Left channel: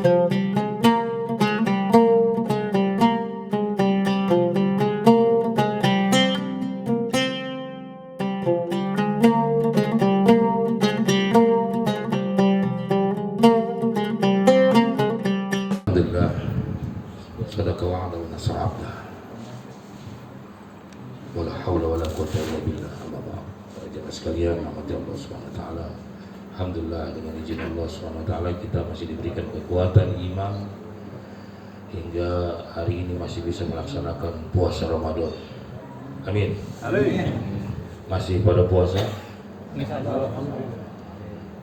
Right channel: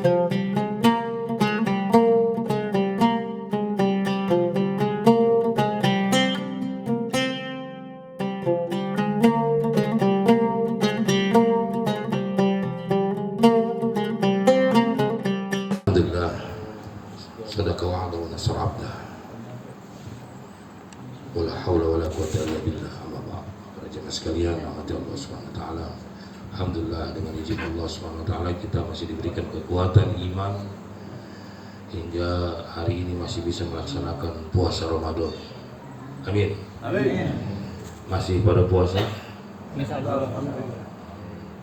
Alhamdulillah, sadaka wa'ada wa nasra abdah. Wala hawla wala quwwata illa billah. Amma ba'd. Para jemaah sekalian, rahmati Allah Subhanahu wa taala. Alhamdulillah, dengan izin Allah Subhanahu wa taala kita masih diberikan kekuatan iman hingga hari ini masih bisa melaksanakan puasa Ramadan. Amin. Amin. Masih pada puasa?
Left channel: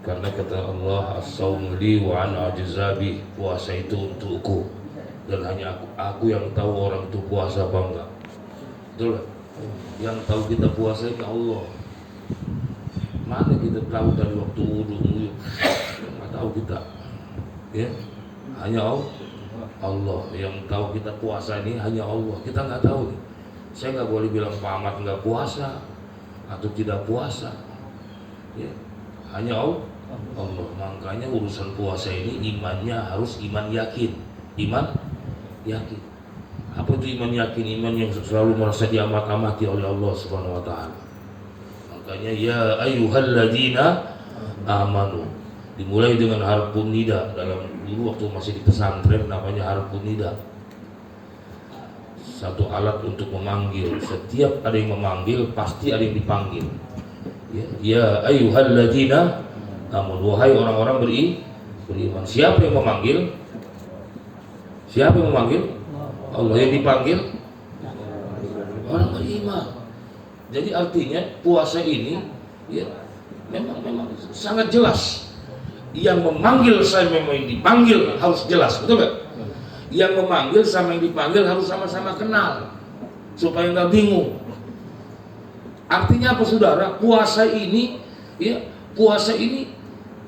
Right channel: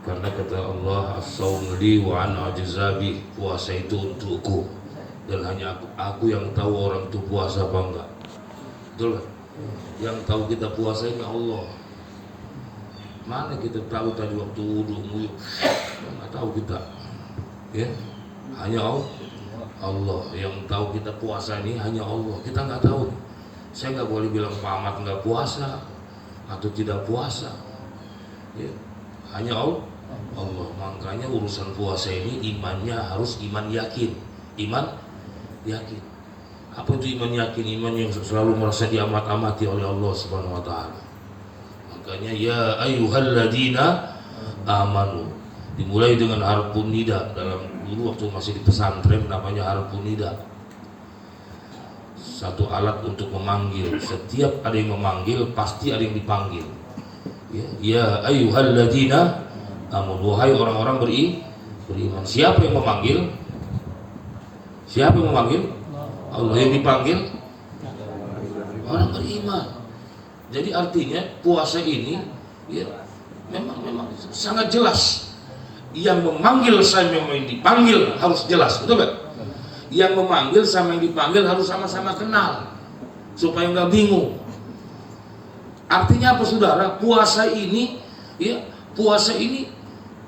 Karena kata Allah, as-sawmu li wa ana ajzabi, puasa itu untukku dan hanya aku yang tahu orang itu puasa apa enggak. Betul? Yang tahu kita puasa itu Allah. Mana kita tahu dari waktu wudu, nggak tahu kita. Ya, hanya Allah yang tahu kita puasa ini, hanya Allah. Kita nggak tahu. Saya nggak boleh bilang Pak Ahmad nggak puasa atau tidak puasa. Ya, hanya Allah. Makanya urusan puasa ini imannya harus iman yakin. Iman yakin. Apa itu iman yakin? Iman yang selalu merasa diamat-amati oleh Allah Subhanahu wa taala. Makanya ya ayyuhalladzina amanu dimulai dengan harfun nida. Dalam dulu waktu masih di pesantren namanya harfun nida. Satu alat untuk memanggil. Setiap ada yang memanggil pasti ada yang dipanggil. Ya ayyuhalladzina amun, wahai orang-orang beriman. Siapa yang memanggil? Siapa yang memanggil? Allah. Yang dipanggil? Orang beriman. Jadi artinya puasa ini ya memang sangat jelas. Yang memanggil sama yang dipanggil harus jelas, betul nggak? Yang memanggil sama yang dipanggil harus sama-sama kenal supaya nggak bingung. Artinya apa saudara? Puasa ini ya, puasa ini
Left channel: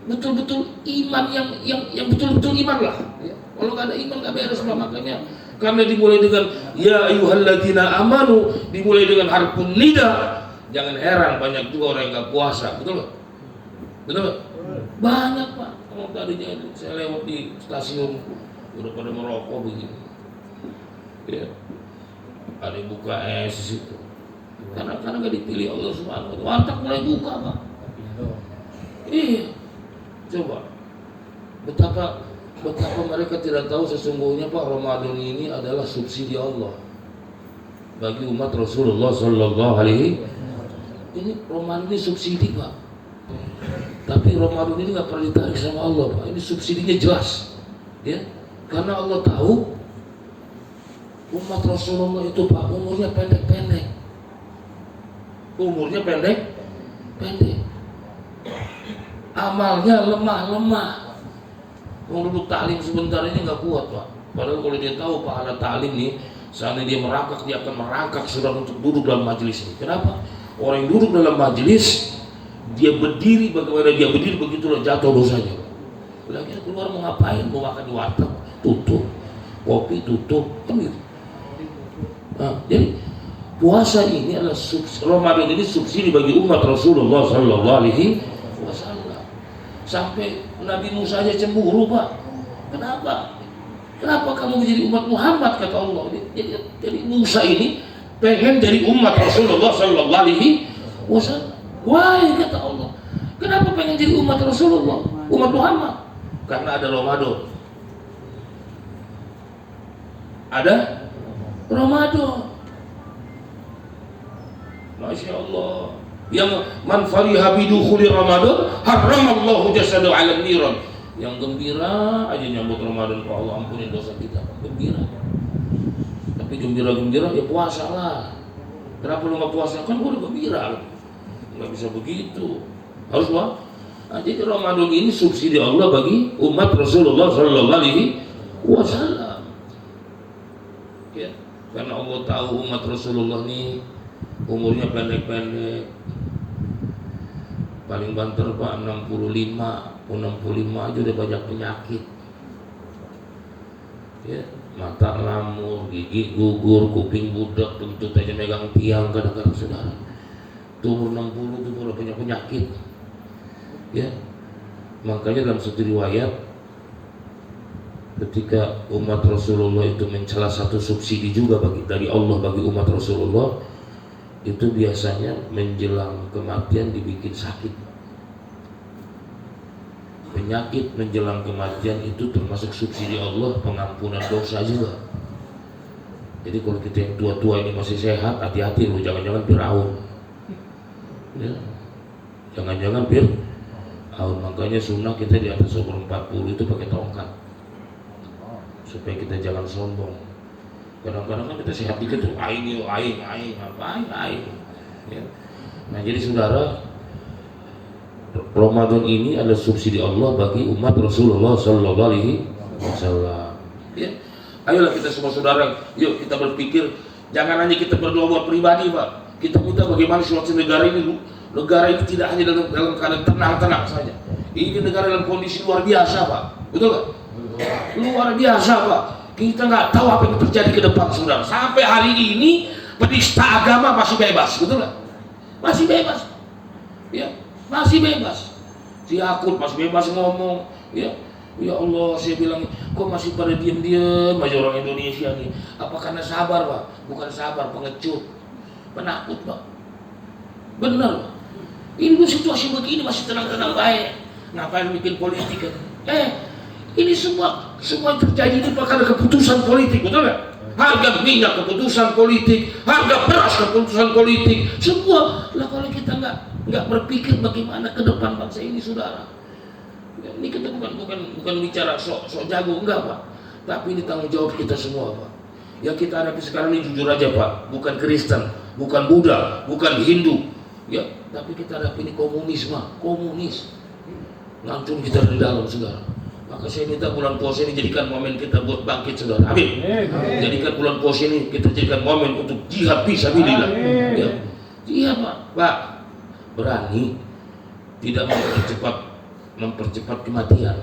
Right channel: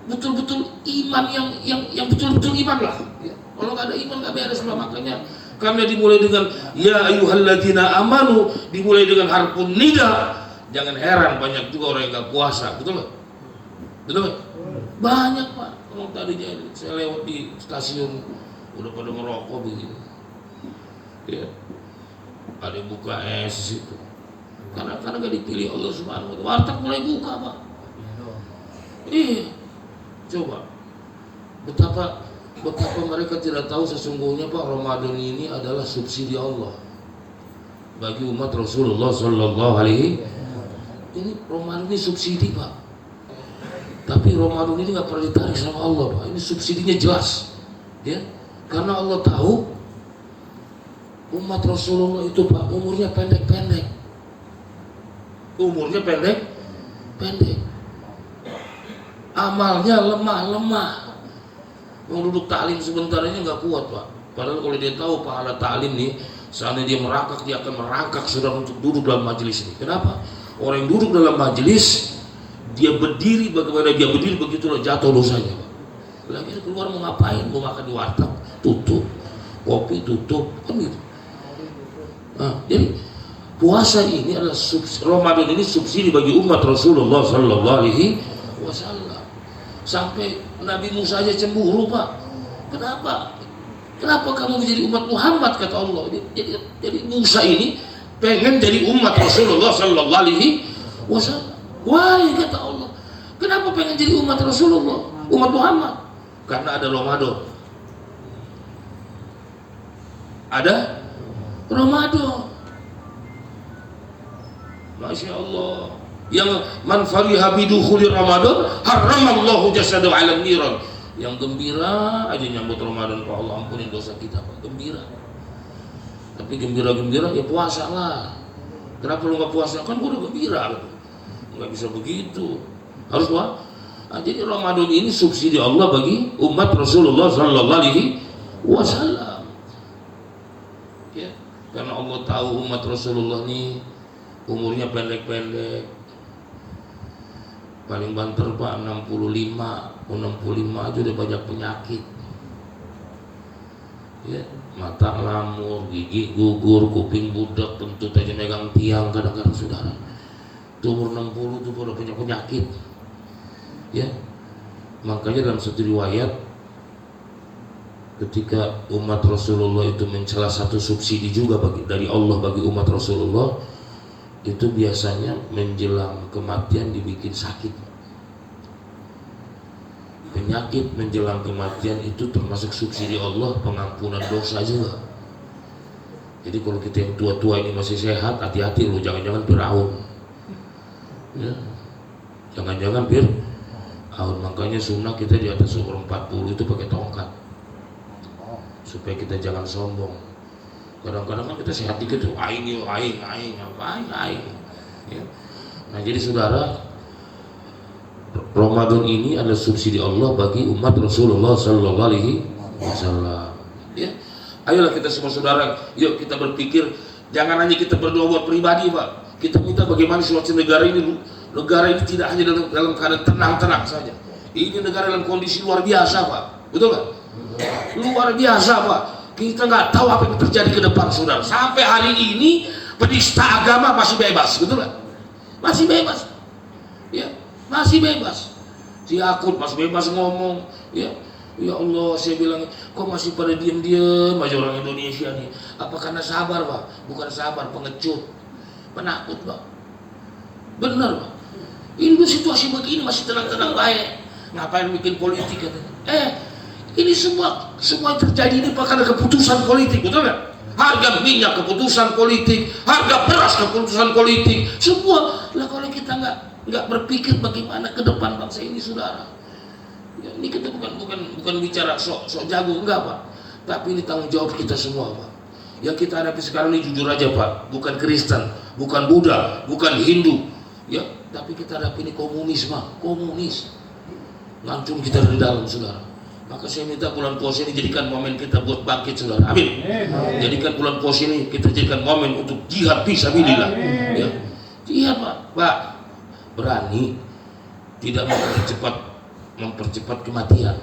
betul-betul iman yang betul-betul iman lah. Ya. Kalau nggak ada iman nggak beres lah. Makanya kami dimulai dengan ya ayyuhalladzina amanu, dimulai dengan harfun nida. Jangan heran banyak juga orang yang nggak puasa, betul nggak? Betul nggak? Banyak Pak. Kalau tadinya saya lewat di stasiun udah pada merokok begini. Ya. Ada yang buka es itu. Karena nggak dipilih Allah Subhanahu wa taala. Warteg mulai buka Pak. Coba betapa mereka tidak tahu sesungguhnya Pak, Ramadan ini adalah subsidi Allah bagi umat Rasulullah Sallallahu Alaihi. Ini Ramadan ini subsidi Pak, tapi Ramadan ini nggak pernah ditarik sama Allah Pak. Ini subsidinya jelas, ya, karena Allah tahu umat Rasulullah itu Pak umurnya pendek-pendek, amalnya lemah. Mau duduk taklim sebentar aja nggak kuat Pak. Padahal kalau dia tahu pahala taklim nih, seandainya dia merangkak, dia akan merangkak sudah untuk duduk dalam majelis ini. Kenapa? Orang yang duduk dalam majelis, dia berdiri, bagaimana dia berdiri begitulah jatuh dosanya Pak. Lagi keluar mau ngapain? Mau makan di warteg, tutup. Kopi tutup, kan gitu. Nah, jadi puasa ini adalah Ramadan ini subsidi bagi umat Rasulullah Sallallahu Alaihi Wasallam. Sampai Nabi Musa aja cemburu Pak. Kenapa? Kenapa kamu menjadi umat Muhammad, kata Allah. Jadi Musa ini pengen jadi umat Rasulullah Sallallahu Alaihi Wasallam. Why, kata Allah. Kenapa pengen jadi umat Rasulullah, umat Muhammad? Karena ada Ramadan. Ada Ramadan. Masya Allah. Yang man fariha bidukhuli Ramadan haramallahu jasadahu 'ala niran. Yang gembira aja nyambut Ramadan, Pak Allah ampunin dosa kita, gembira. Tapi gembira-gembira ya puasa lah. Kenapa lu nggak puasa? Kan gua udah gembira. Nggak bisa begitu. Harus Pak. Nah, jadi Ramadan ini subsidi Allah bagi umat Rasulullah Sallallahu Alaihi Wasallam. Ya, karena Allah tahu umat Rasulullah nih umurnya pendek-pendek. Paling banter Pak 65 aja udah banyak penyakit. Ya, mata lamur, gigi gugur, kuping budak, kentut aja megang tiang kadang-kadang saudara. Tuh umur 60 tuh udah banyak penyakit. Ya. Makanya dalam satu riwayat ketika umat Rasulullah itu mencela satu subsidi juga dari Allah bagi umat Rasulullah, itu biasanya menjelang kematian dibikin sakit. Penyakit menjelang kematian itu termasuk subsidi Allah, pengampunan dosa juga. Jadi kalau kita yang tua-tua ini masih sehat, hati-hati loh, jangan-jangan Fir'aun ya. Jangan-jangan Fir'aun. Makanya sunnah kita di atas umur 40 itu pakai tongkat, supaya kita jangan sombong. Kadang-kadang kan kita sehat dikit tuh, aing, apa aing ya. Nah jadi saudara, Ramadan ini adalah subsidi Allah bagi umat Rasulullah Sallallahu Alaihi Wasallam. Ya, ayolah kita semua saudara, yuk kita berpikir, jangan hanya kita berdoa buat pribadi, Pak. Kita minta bagaimana situasi negara ini tidak hanya dalam keadaan tenang-tenang saja. Ini negara dalam kondisi luar biasa, Pak. Betul nggak? Luar biasa, Pak. Kita nggak tahu apa yang terjadi ke depan, saudara. Sampai hari ini penista agama masih bebas, betul nggak? Masih bebas, ya. Masih bebas, si Akut masih bebas ngomong, ya. Ya Allah, saya bilang, kok masih pada diam-diam aja orang Indonesia nih? Apa karena sabar, Pak? Bukan sabar, pengecut, penakut, Pak. Benar, Pak. Ini situasi begini masih tenang-tenang baik. Ngapain bikin politik katanya? Ini semua terjadi ini karena keputusan politik, betul nggak? Harga minyak keputusan politik, harga beras keputusan politik, semua. Lah kalau kita nggak berpikir bagaimana ke depan bangsa ini, saudara. Ya, ini kita bukan bicara sok jago, enggak, Pak. Tapi ini tanggung jawab kita semua, Pak. Yang kita hadapi sekarang ini jujur aja, Pak, bukan Kristen, bukan Buddha, bukan Hindu, ya. Tapi kita hadapi ini komunis, ngancung kita dari dalam, saudara. Maka saya minta bulan puasa ini jadikan momen kita buat bangkit, saudara. Amin. Jadikan bulan puasa ini kita jadikan momen untuk jihad fisabilillah. Ya. Jihad, Pak. Berani tidak mempercepat kematian.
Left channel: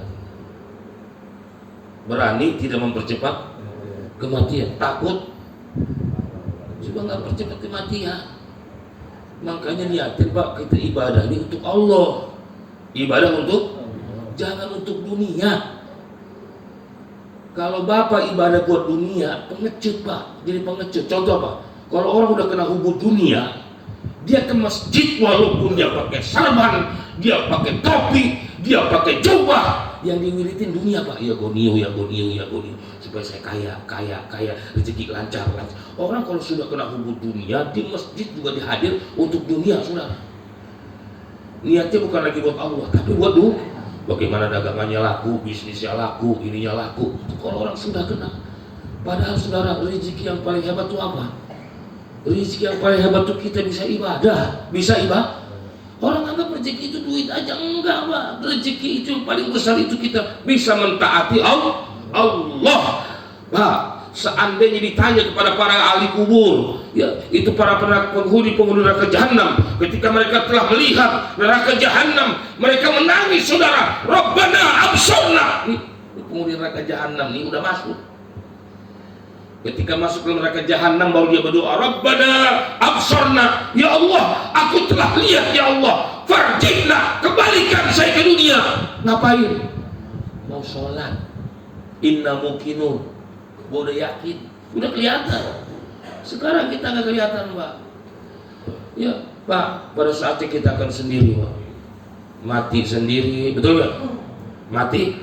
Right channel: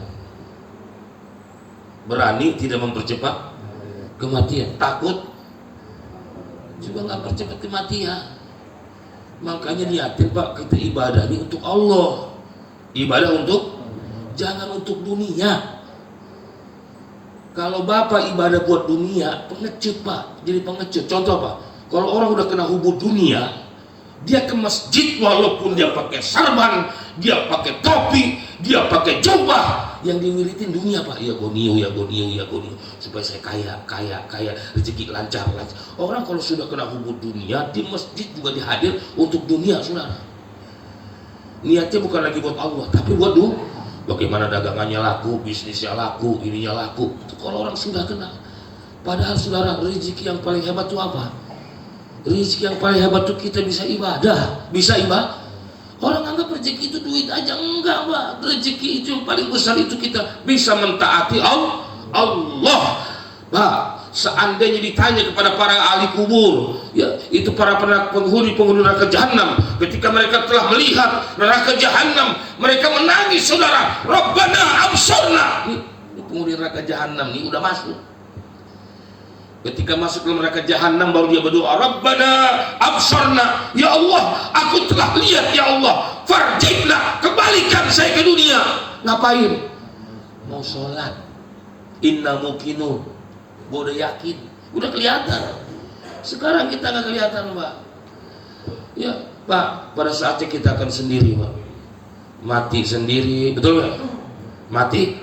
Berani tidak mempercepat kematian. Takut juga nggak percepat kematian. Makanya niatin, Pak, kita ibadah ini untuk Allah. Ibadah jangan untuk dunia. Kalau Bapak ibadah buat dunia, pengecut, Pak. Jadi pengecut. Contoh, Pak, kalau orang udah kena hubud dunia, dia ke masjid walaupun dia pakai sarban, dia pakai topi, dia pakai jubah, yang diwiritin dunia, Pak. Ya goniu, supaya saya kaya, rezeki lancar. Orang kalau sudah kena hubud dunia, di masjid juga dihadir untuk dunia, saudara. Niatnya bukan lagi buat Allah, tapi buat bagaimana dagangannya laku, bisnisnya laku, ininya laku. Kalau orang sudah kena, padahal saudara, rezeki yang paling hebat itu apa? Rezeki yang paling hebat itu kita bisa ibadah. Orang anggap rezeki itu duit aja, enggak, Pak. Rezeki itu yang paling besar itu kita bisa mentaati Allah. Pak, seandainya ditanya kepada para ahli kubur, ya, itu para penghuni neraka jahanam, ketika mereka telah melihat neraka jahanam, mereka menangis, saudara. Rabbana absarna. Ini penghuni neraka jahanam ini udah masuk. Ketika masuk ke neraka jahanam baru dia berdoa, Rabbana absarna, ya Allah, aku telah lihat, ya Allah, farjibna, kembalikan saya ke dunia. Ngapain? Mau sholat. Inna mukinun, gua udah yakin, udah kelihatan. Sekarang kita nggak kelihatan, Pak. Ya, Pak, pada saatnya kita akan sendiri, Pak. Mati sendiri, betul nggak? Mati,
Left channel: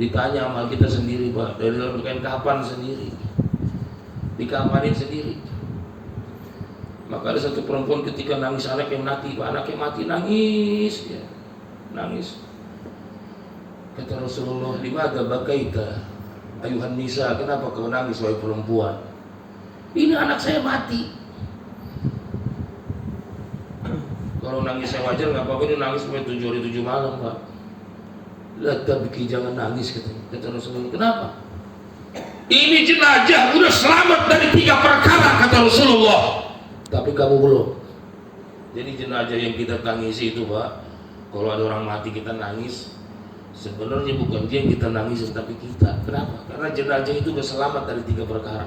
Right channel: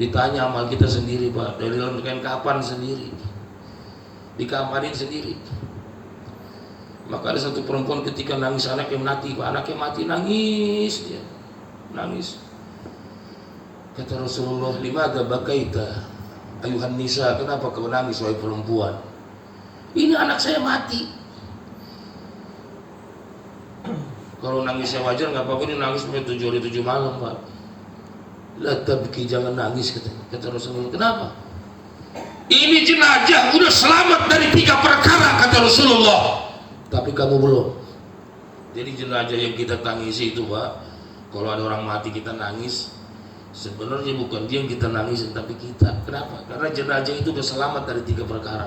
ditanya amal kita sendiri, Pak. Dari dalam kain kapan sendiri, dikamarin sendiri. Maka ada satu perempuan ketika nangis anaknya mati, Pak. Anaknya mati, nangis dia, nangis. Kata Rasulullah, limadza bakaita ayuhan nisa, kenapa kau nangis wahai perempuan? Ini anak saya mati. Kalau nangisnya wajar nggak apa-apa, ini nangis sampai 7 hari 7 malam, Pak. Lah tabki, jangan nangis, katanya. Kata Rasulullah, kenapa? Ini jenazah udah selamat dari 3 perkara, kata Rasulullah. Tapi kamu belum. Jadi jenazah yang kita tangisi itu, Pak, kalau ada orang mati kita nangis, sebenarnya bukan dia yang kita nangis, tapi kita. Kenapa? Karena jenazah itu udah selamat dari 3 perkara.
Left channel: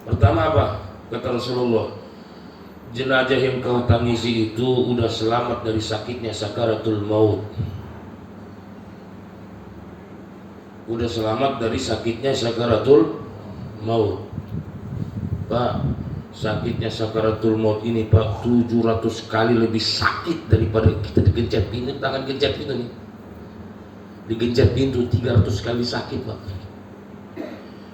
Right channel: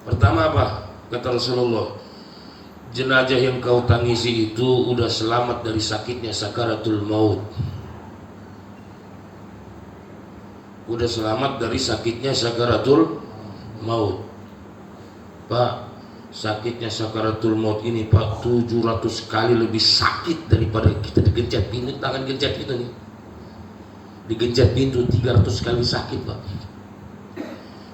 Pertama apa? Kata Rasulullah, jenazah yang kau tangisi itu udah selamat dari sakitnya sakaratul maut. udah selamat dari sakitnya sakaratul maut. Pak, sakitnya sakaratul maut ini Pak 700 kali lebih sakit daripada kita digencet pintu, tangan gencet pintu nih. Digencet pintu 300 kali sakit Pak.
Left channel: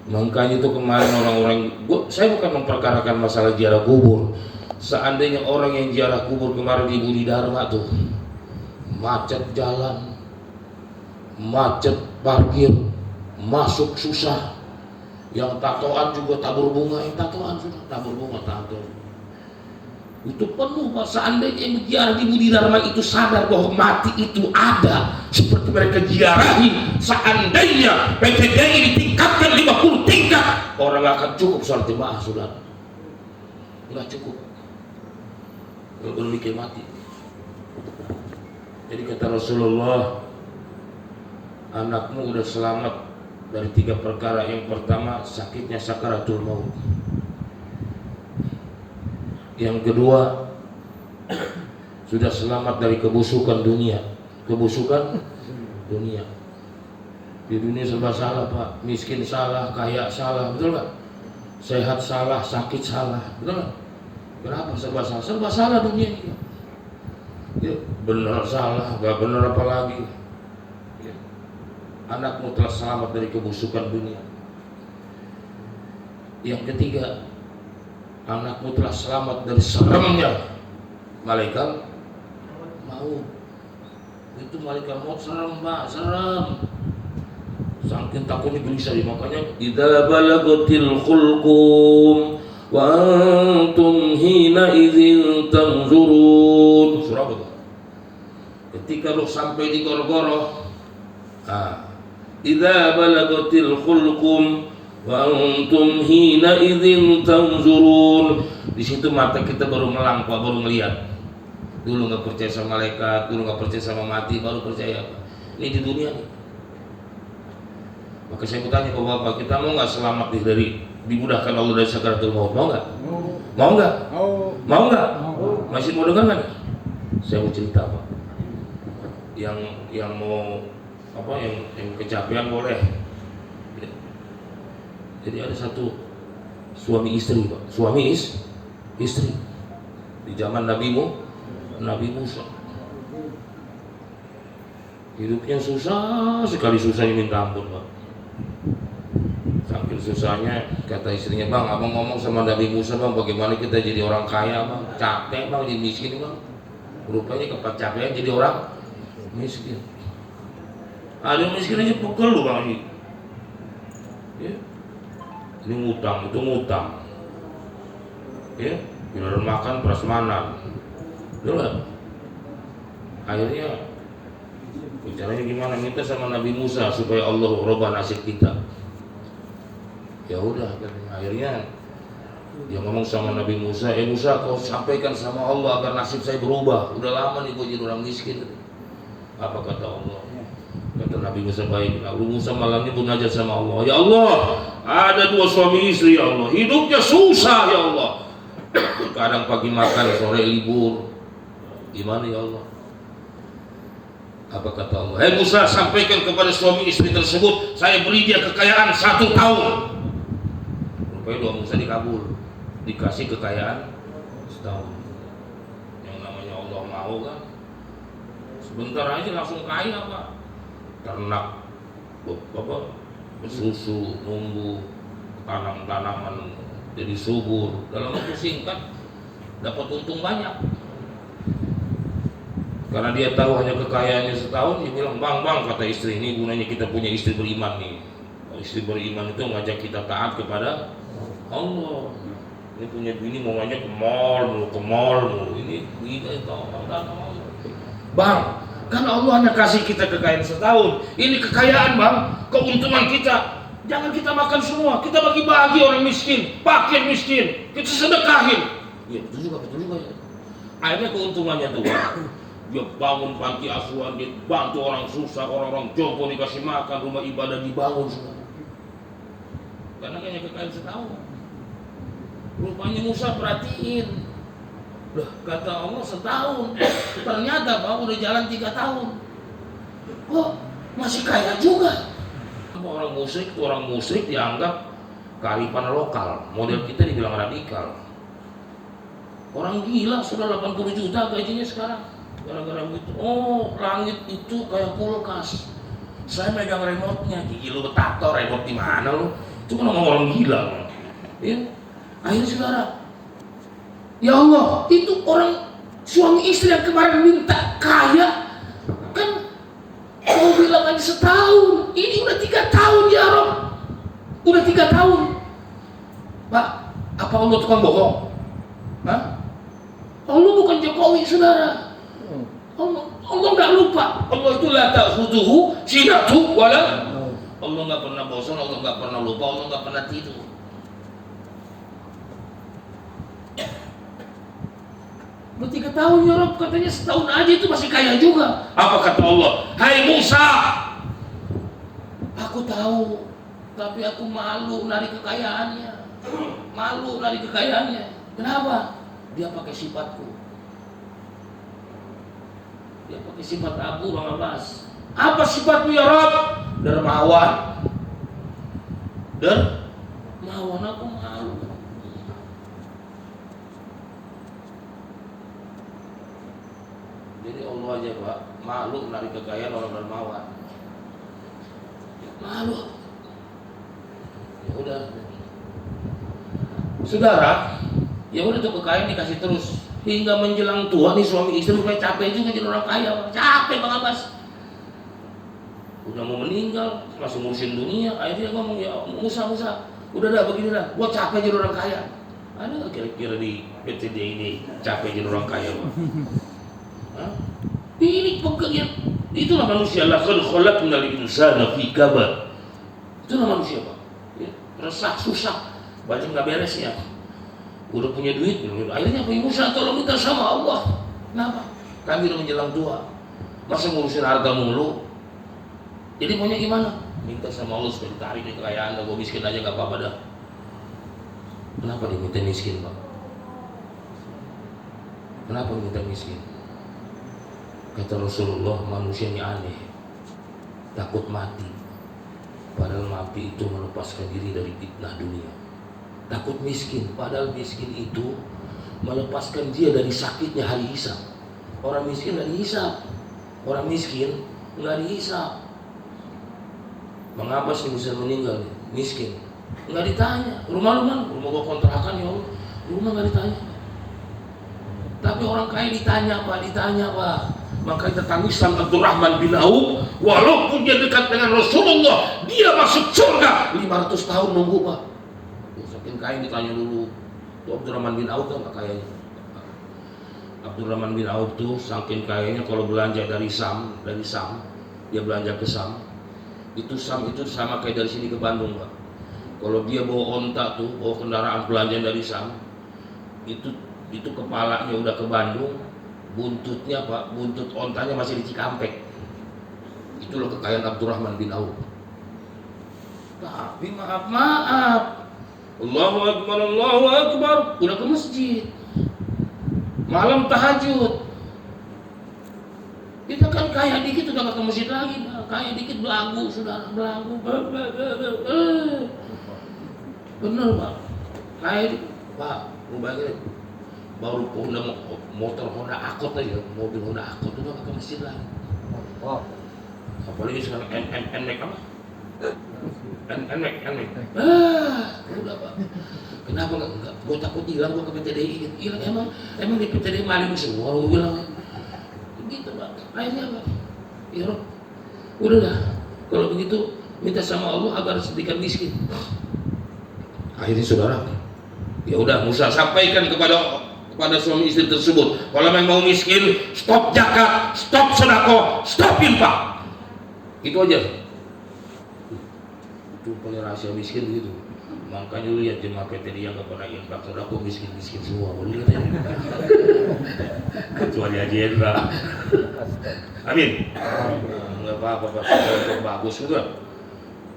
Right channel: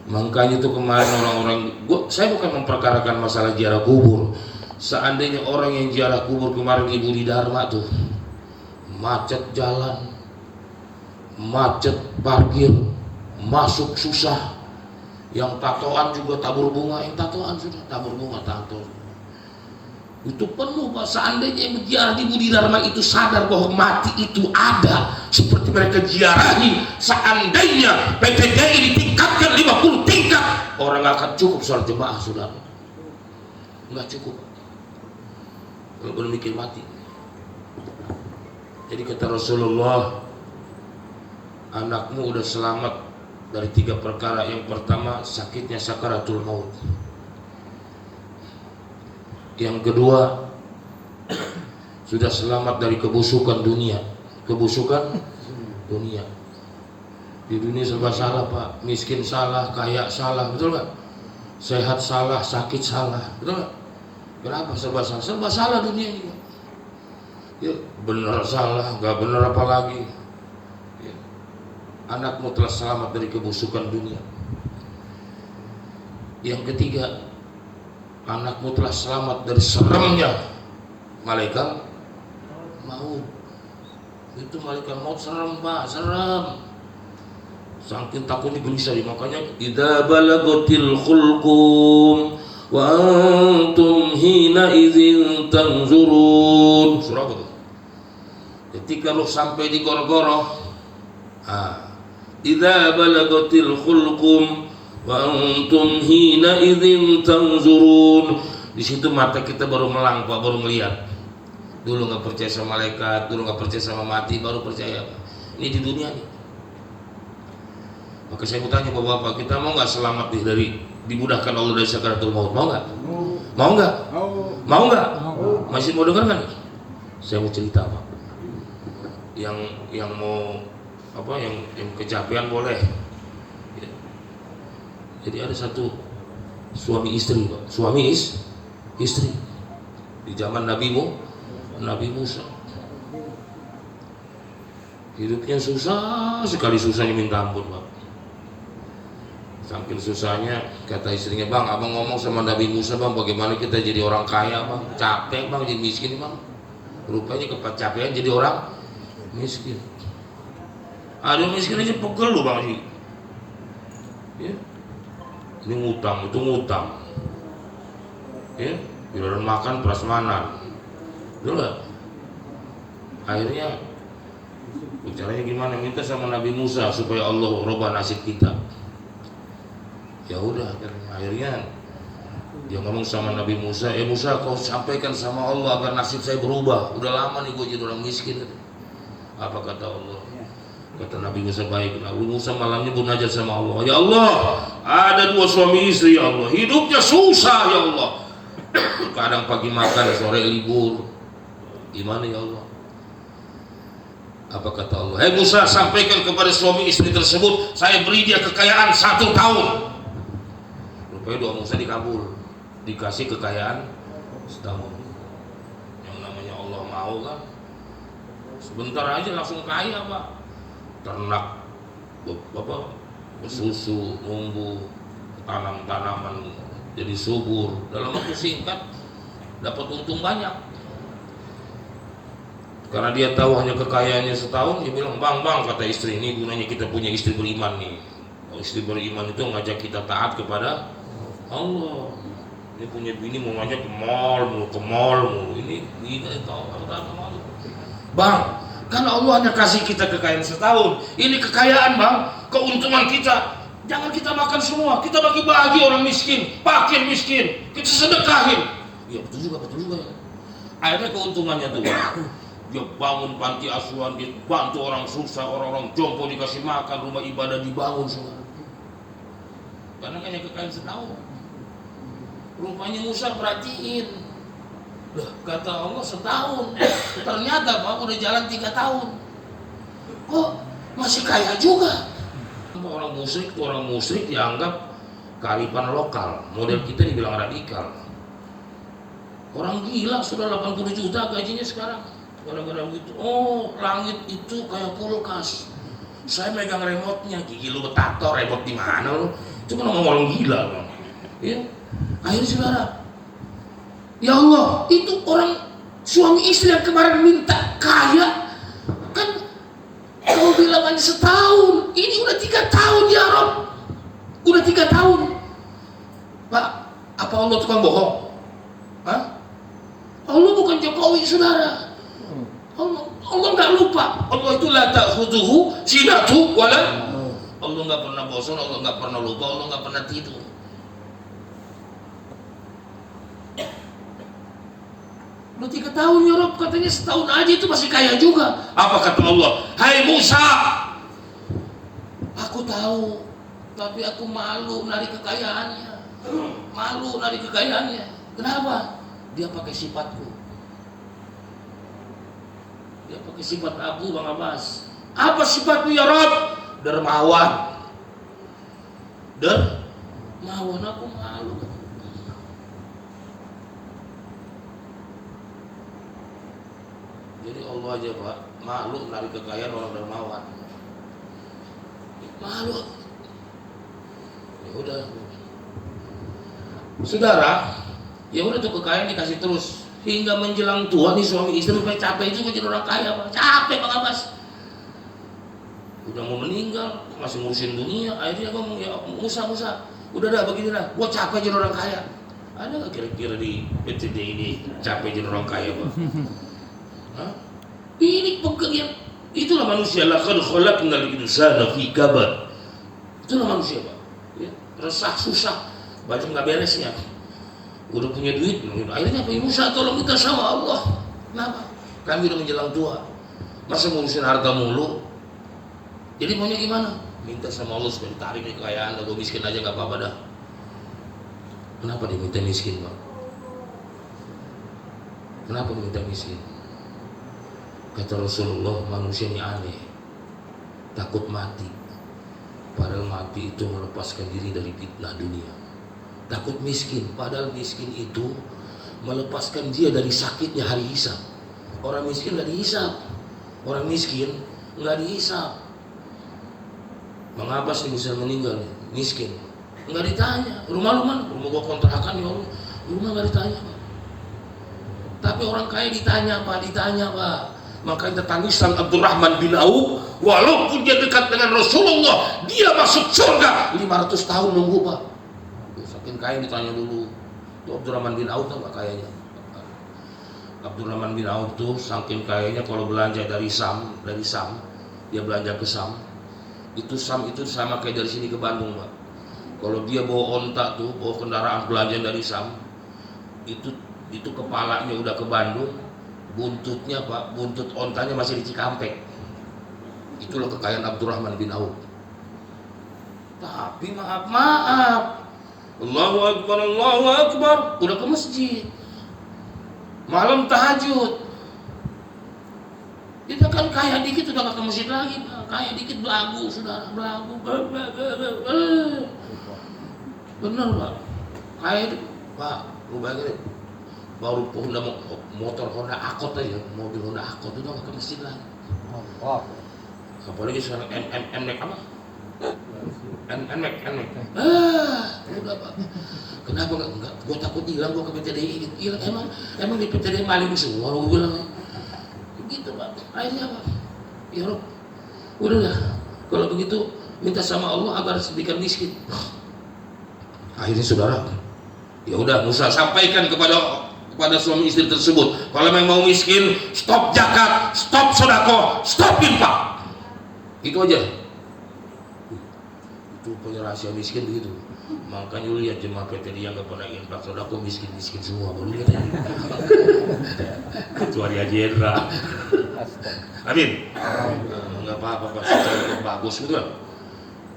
Makanya itu kemarin orang-orang, saya bukan memperkarakan masalah ziarah kubur. Seandainya orang yang ziarah kubur kemarin di Budi Dharma tuh macet jalan, macet parkir, masuk susah, yang tatoan juga tabur bunga, yang tatoan sudah tabur bunga tato. Itu penuh Pak. Seandainya yang ziarah di Budi Dharma itu sadar bahwa mati itu ada seperti mereka ziarahi, seandainya PTDI ditingkatkan 50 tingkat, orang gak akan cukup sholat jemaah saudara, nggak cukup, belum mikir mati. Jadi kata Rasulullah, anakmu udah selamat dari 3 perkara. Yang pertama sakitnya sakaratul maut. Yang kedua sudah selamat dari kebusukan dunia. Kebusukan dunia. Di dunia serba salah Pak. Miskin salah, kaya salah, betul nggak? Sehat salah, sakit salah, betul nggak? Kenapa serba salah? Serba salah dunia ini. Ya, benar salah, nggak benar apa lagi. Ya. Anakmu telah selamat dari kebusukan dunia. Yang ketiga, anakmu telah selamat dari seremnya malaikat maut. Itu malaikat maut serem Pak, serem. Saking takutnya gelisah. Makanya idza balagatil khulqum wa antum hina idzin tanzurun. Surah apa tuh? Ketika lu sampai di goro-goro, idza balagatil khulqum wa antum hina idzin tanzurun. Di situ mata kita baru melang Pak, baru ngelihat. Dulu nggak percaya sama malaikat, dulu nggak percaya sama mati, baru percaya Pak. Ini di dunia nih. Maka saya mau tanya Bapak, kita mau nggak selamat dari dimudahkan Allah dari sakaratul maut? Mau nggak? Mau nggak? Mau nggak? Masih mau dengar nggak? Saya mau cerita Pak. Yang mau apa? Yang kecapean boleh. Jadi ada satu suami istri Pak, suami istri di zaman Nabi Musa. Hidupnya susah sekali, susahnya minta ampun Pak. Saking susahnya kata istrinya, Bang, abang ngomong sama Nabi Musa Bang, bagaimana kita jadi orang kaya Bang, capek Bang jadi miskin Bang. Rupanya kecapean jadi orang miskin. Ada miskin aja pegel loh Bang sih. Ya. Ini ngutang, itu ngutang. Ya, giliran makan prasmanan. Betul. Akhirnya caranya gimana? Minta sama Nabi Musa supaya Allah rubah nasib kita. Ya udah, akhirnya dia ngomong sama Nabi Musa, Musa, kau sampaikan sama Allah agar nasib saya berubah. Udah lama nih gue jadi orang miskin. Apa kata Allah? Kata Nabi Musa, baik. Nabi Musa malamnya munajat sama Allah. Ya Allah, ada 2 suami istri ya Allah, hidupnya susah ya Allah. Kadang pagi makan, sore libur. Gimana ya Allah? Apa kata Allah? Musa, sampaikan kepada suami istri tersebut, saya beri dia kekayaan 1 tahun. Rupanya doa Musa dikabul, dikasih kekayaan setahun. Yang namanya Allah mau kan, sebentar aja langsung kaya Pak. Ternak susu, numbuh, tanam-tanaman jadi subur, dalam waktu singkat dapat untung banyak. Karena dia tahu hanya kekayaannya setahun, dia bilang, bang, kata istri, ini gunanya kita punya istri beriman nih. Istri beriman itu ngajak kita taat kepada Allah. Ini punya bini mau ngajak ke mall mulu, ini tahu Allah. Bang, kan Allah hanya kasih kita kekayaan setahun. Ini kekayaan Bang, keuntungan kita. Jangan kita makan semua, kita bagi-bagi orang miskin, fakir miskin, kita sedekahin. Ya betul juga ya. Akhirnya keuntungannya tuh Bang, dia bangun panti asuhan, dia bantu orang susah, orang-orang jompo dikasih makan, rumah ibadah dibangun semua. Karena hanya kekayaan setahun. Rupanya Musa perhatiin, loh kata Allah setahun, ternyata Pak udah jalan 3 tahun, kok masih kaya juga. Sama orang musyrik itu, orang musyrik dianggap kearifan lokal. Model kita dibilang radikal. Orang gila sudah 80 juta gajinya sekarang. Gara-gara gitu. Oh, langit itu kayak kulkas. Saya megang remote-nya. Gigi lu betator, remote di mana lu? Itu kan orang gila, Bang. Ya. Akhirnya saudara, ya Allah, itu orang suami istri yang kemarin minta kaya, kan kalau bilang aja setahun, ini udah 3 tahun ya Rob, udah 3 tahun. Pak, apa Allah tukang bohong? Hah? Allah bukan Jokowi, saudara. Allah nggak lupa. Allah itu la ta'khudhuhu sinatu wala. Allah nggak pernah bosan, Allah nggak pernah lupa, Allah nggak pernah tidur. Udah 3 tahun ya Rob, katanya setahun aja itu masih kaya juga. Apa kata Allah? Hai Musa, aku tahu, tapi aku malu menarik kekayaannya. Malu menarik kekayaannya. Kenapa? Dia pakai sifatku. Dia pakai sifat Abu Bang Abbas. Apa sifatmu ya Rob? Dermawan. Dermawan, aku malu. Jadi Allah aja Pak, malu menarik kekayaan orang dermawan. Malu. Ya udah. Saudara, ya udah tuh kekayaan dikasih terus hingga menjelang tua nih suami istri kayak capek juga jadi orang kaya. Capek Bang Abbas. Udah mau meninggal, masih ngurusin dunia. Akhirnya ngomong, ya Musa, udah dah begini dah, gua capek jadi orang kaya. Ada nggak kira-kira di PTD ini capek jadi orang kaya Bang? Hah? Ini pekerjaan, itulah manusia. Laqad khalaqnal insana fi kabad. Itulah manusia Pak. Ya, resah, susah, baju nggak beres ya. Udah punya duit, akhirnya Pak Musa tolong minta sama Allah. Kenapa? Kami udah menjelang tua, masa ngurusin harta mulu. Jadi maunya gimana? Minta sama Allah supaya ditarik nih kekayaan, gue miskin aja nggak apa-apa dah. Kenapa diminta miskin Pak? Kenapa diminta miskin? Kata Rasulullah, manusia ini aneh, takut mati. Padahal mati itu melepaskan diri dari fitnah dunia. Takut miskin, padahal miskin itu melepaskan dia dari sakitnya hari hisab. Orang miskin nggak dihisab, orang miskin nggak dihisab. Bang Abbas nih bisa meninggal, miskin, nggak ditanya. Rumah lu mana? Rumah gua kontrakan ya Allah. Rumah nggak ditanya. Tapi orang kaya ditanya Pak, Makanya tangisan Abdurrahman bin Auf, walaupun dia dekat dengan Rasulullah, dia masuk surga 500 tahun nunggu Pak. Saking kaya ditanya dulu. Itu Abdurrahman bin Auf tuh nggak kayanya. Abdurrahman bin Auf tuh saking kayanya kalau belanja dari Sam, dia belanja ke Sam. Itu Sam itu sama kayak dari sini ke Bandung Pak. Kalau dia bawa onta tuh, bawa kendaraan belanja dari Sam, itu kepalanya udah ke Bandung. Buntutnya Pak, buntut ontanya masih di Cikampek. Itulah kekayaan Abdurrahman bin Auf. Tapi maaf, Allahu Akbar, udah ke masjid, malam tahajud. Kita kan kaya dikit udah ke masjid lagi Pak. Kaya dikit belagu, saudara, belagu. Bener Pak, kaya dikit Pak, lu bayangin baru motor Honda Accord aja, mobil Honda Accord itu udah ke masjid lagi. Apalagi sekarang NMAX apa? NMAX. Udah Pak. Kenapa enggak? Gue takut hilang, gue ke PTDI hilang. Emang di PTDI maling semua, gue bilang. Gitu Pak. Akhirnya Pak, ya Rob, udah dah. Kalau begitu minta sama Allah agar sedikit miskin. Akhirnya saudara, ya udah Musa sampaikan kepada suami istri tersebut, kalau memang mau miskin, stop zakat, stop sedekah, stop infak. Itu aja. Itu punya rahasia miskin begitu. Makanya lu lihat jemaah PTD yang gak pernah infak, sedekah miskin semua. Lu lihat ya. Kecuali Haji Hendra. Amin. Enggak apa-apa Pak, bagus juga.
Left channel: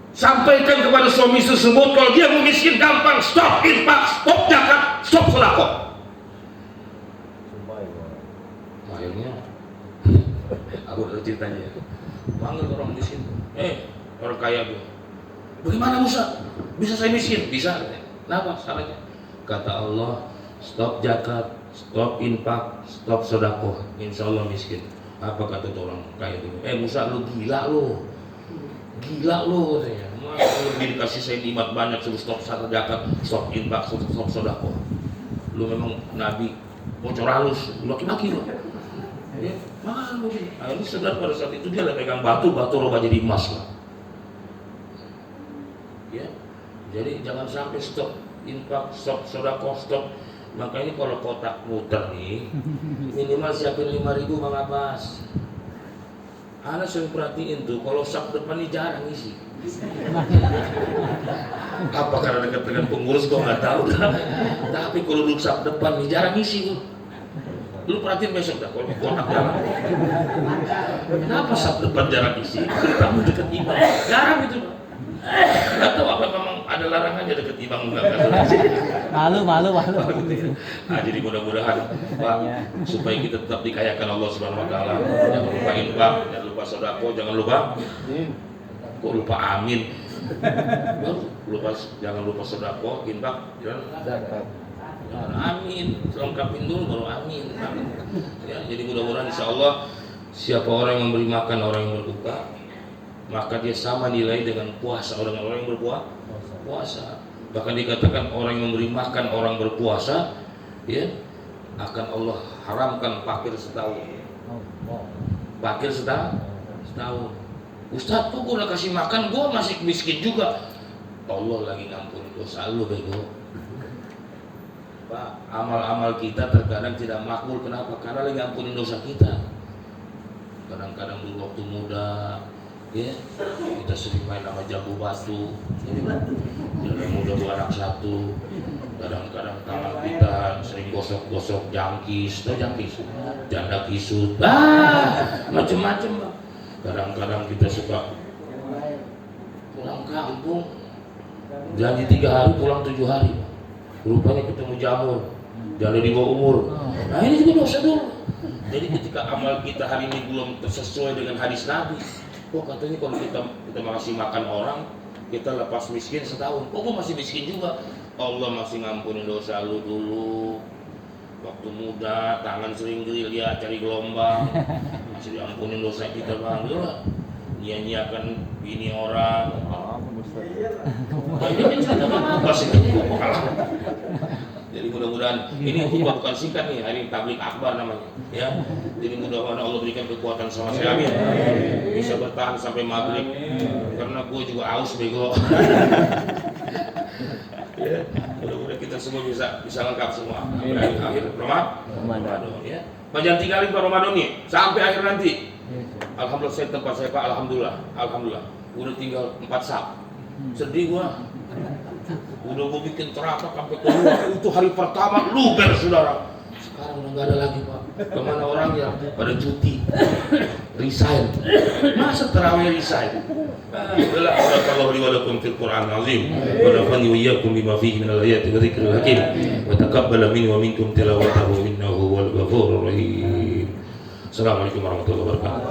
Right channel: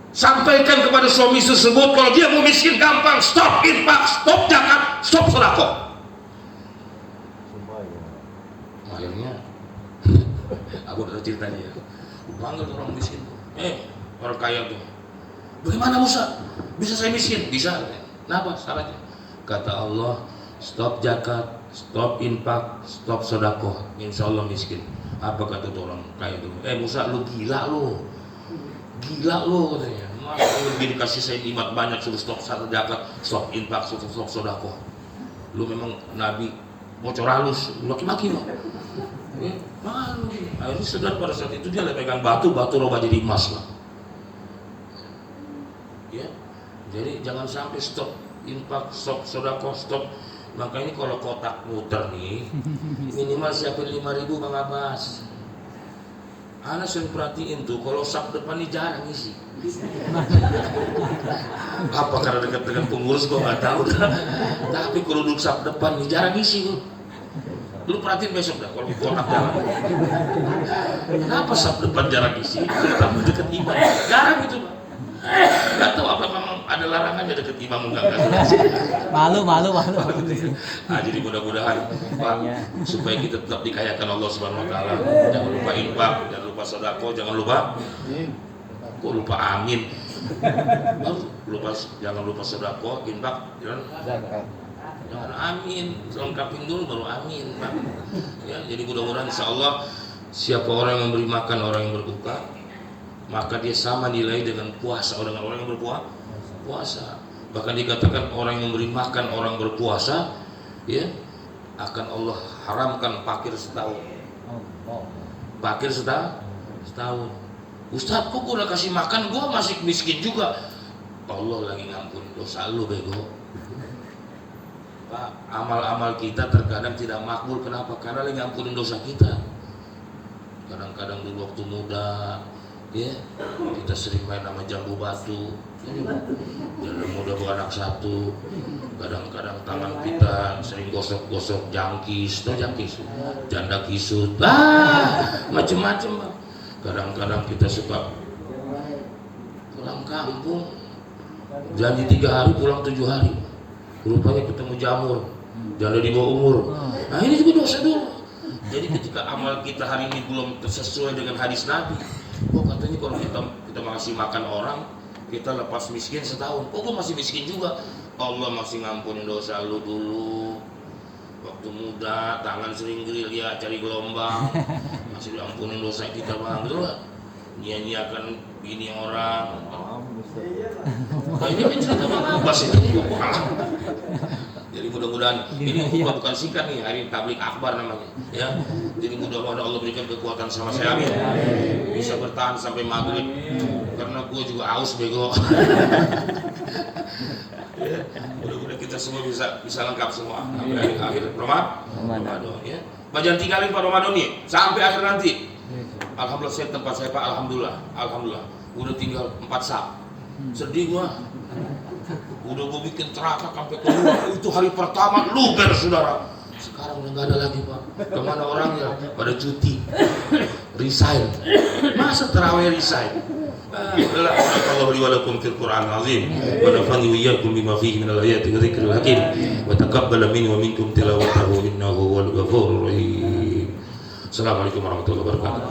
Sampaikan kepada suami tersebut kalau dia mau miskin gampang, stop infak, stop zakat, stop sedekah. Akhirnya aku udah ceritanya ya. Panggil orang miskin. Orang kaya tuh. Bagaimana Musa? Bisa saya miskin? Bisa. Kenapa syaratnya? Kata Allah, stop zakat, stop infak, stop sedekah, insya Allah miskin. Apa kata orang kaya itu? Musa, lu gila lu, katanya. Masa lu dikasih saya nikmat banyak, suruh stop zakat, stop infak, stop sedekah. Lu memang nabi bocor halus, maki-maki lu. Malu dia. Akhirnya sadar pada saat itu dia pegang batu rubah jadi emas lah. Ya, jadi jangan sampai stop infak, stop sedekah, stop. Makanya kalau kotak muter nih, minimal siapin 5.000 Bang Abbas. Ana sering perhatiin tuh, kalau sak depan ini jarang isi. Apa karena dekat dengan pengurus gua nggak tahu. Tapi kalau duduk sak depan ini jarang isi tuh. Lu perhatiin besok dah kalau kotak jarang. Kenapa sak depan jarang isi? Kamu deket imam, jarang itu. Nggak tahu apa kamu ada larangan ya deket imam enggak? Malu. Nah, jadi mudah-mudahan Pak, supaya kita tetap dikayakan Allah Subhanahu Wa Taala. Jangan lupa infak, jangan lupa sedekah, jangan lupa. Kok lupa amin? Jangan lupa sedekah, infak, jangan amin. Lengkapin dulu baru amin. Ya, jadi mudah-mudahan insya Allah siapa orang yang memberi makan orang yang berbuka, maka dia sama nilai dengan puasa orang yang berpuasa. Bahkan dikatakan orang yang memberi makan orang berpuasa, ya, akan Allah haramkan fakir setahun. Fakir setahun. Ustaz, kok gue udah kasih makan, gue masih miskin juga. Allah lagi ngampuni dosa lu bego. Pak, amal-amal kita terkadang tidak makbul. Kenapa? Karena lagi ngampunin dosa kita. Kadang-kadang dulu waktu muda, ya, kita sering main sama jambu batu. Janda muda bawa anak satu. Kadang-kadang tangan kita sering gosok-gosok jangkis, janda kisut, macem-macem. Kadang-kadang kita suka pulang kampung, jadi 3 hari pulang 7 hari. Rupanya ketemu jamur, janda di bawah umur. Nah ini juga dosa dulu. Jadi ketika amal kita hari ini belum sesuai dengan hadis Nabi, katanya kalau kita masih makan orang, kita lepas miskin setahun. Lu masih miskin juga. Allah masih ngampunin dosa lu dulu. Waktu muda, tangan sering gerilya cari gelombang, masih diampunin dosa kita bang, betul nggak? Nyanyiakan bini orang. Nah, ini kan cerita bang Abbas ini. Jadi mudah-mudahan ini bukan singkat nih, hari tablik akbar namanya, ya. Jadi mudah-mudahan Allah berikan kekuatan sama saya, amin. Bisa bertahan sampai maghrib, karena gue juga aus bego. Ya, mudah-mudahan kita semua bisa lengkap semua. Akhir Ramadan, ya. Jangan tinggalin Pak Ramadan nih sampai akhir nanti. Alhamdulillah saya tempat saya Pak, alhamdulillah. Udah tinggal 4 sak. Sedih gua. Udah gua bikin teratak sampai keluar. Itu hari pertama luber saudara. Sekarang udah nggak ada lagi Pak. Kemana orangnya? Pada cuti, resign. Masa terawih resign? Barakallahu li wa lakum fil Qur'anil azim wa nafa'ani wa iyyakum bima fihi minal ayati wa dzikril hakim wa taqabbala minni wa minkum tilawatahu innahu huwal ghafurur rahim. Assalamualaikum warahmatullahi wabarakatuh.